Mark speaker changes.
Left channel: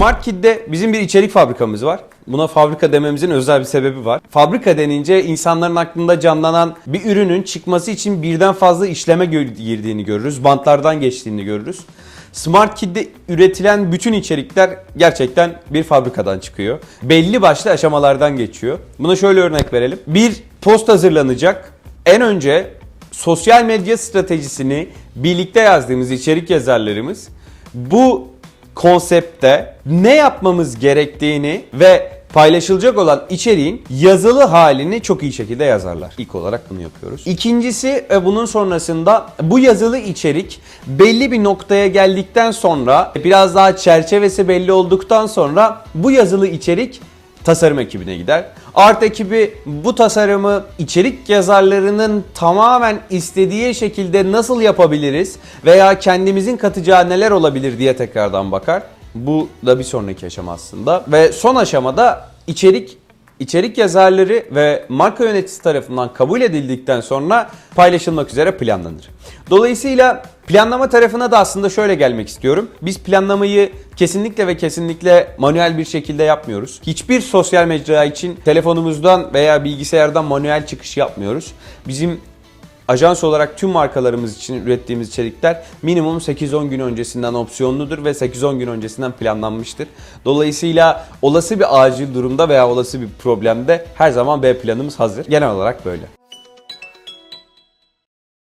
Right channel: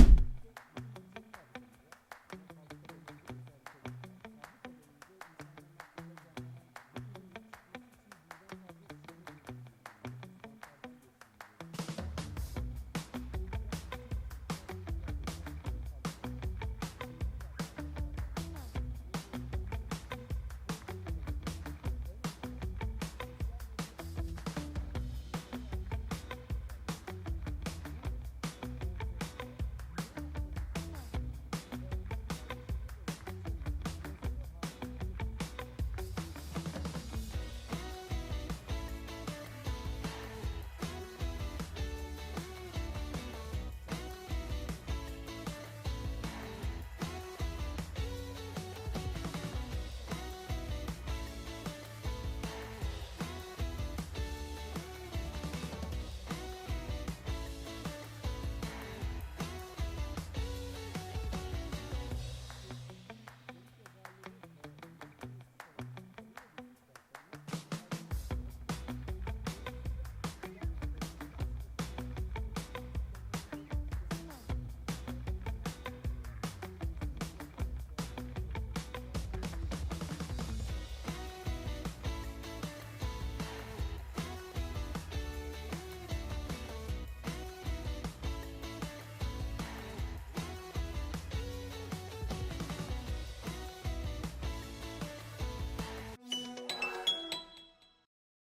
Speaker 1: Smart Kid'de bizim bir içerik fabrikamız var. Buna fabrika dememizin özel bir sebebi var. Fabrika denince insanların aklında canlanan bir ürünün çıkması için birden fazla işleme girdiğini görürüz. Bantlardan geçtiğini görürüz. Smart Kid'de üretilen bütün içerikler gerçekten bir fabrikadan çıkıyor. Belli başlı aşamalardan geçiyor. Buna şöyle örnek verelim. Bir post hazırlanacak. En önce sosyal medya stratejisini birlikte yazdığımız içerik yazarlarımız bu konsepte ne yapmamız gerektiğini ve paylaşılacak olan içeriğin yazılı halini çok iyi şekilde yazarlar. İlk olarak bunu yapıyoruz. İkincisi bunun sonrasında bu yazılı içerik belli bir noktaya geldikten sonra biraz daha çerçevesi belli olduktan sonra bu yazılı içerik tasarım ekibine gider. Art ekibi bu tasarımı içerik yazarlarının tamamen istediği şekilde nasıl yapabiliriz veya kendimizin katacağı neler olabilir diye tekrardan bakar. Bu da bir sonraki aşama aslında. Ve son aşamada içerik içerik yazarları ve marka yöneticisi tarafından kabul edildikten sonra paylaşılmak üzere planlanır. Dolayısıyla planlama tarafına da aslında şöyle gelmek istiyorum. Biz planlamayı kesinlikle ve kesinlikle manuel bir şekilde yapmıyoruz. Hiçbir sosyal mecra için telefonumuzdan veya bilgisayardan manuel çıkış yapmıyoruz. Bizim Ajans olarak tüm markalarımız için ürettiğimiz içerikler minimum 8-10 gün öncesinden opsiyonludur ve 8-10 gün öncesinden planlanmıştır. Dolayısıyla olası bir acil durumda veya olası bir problemde her zaman B planımız hazır. Genel olarak böyle.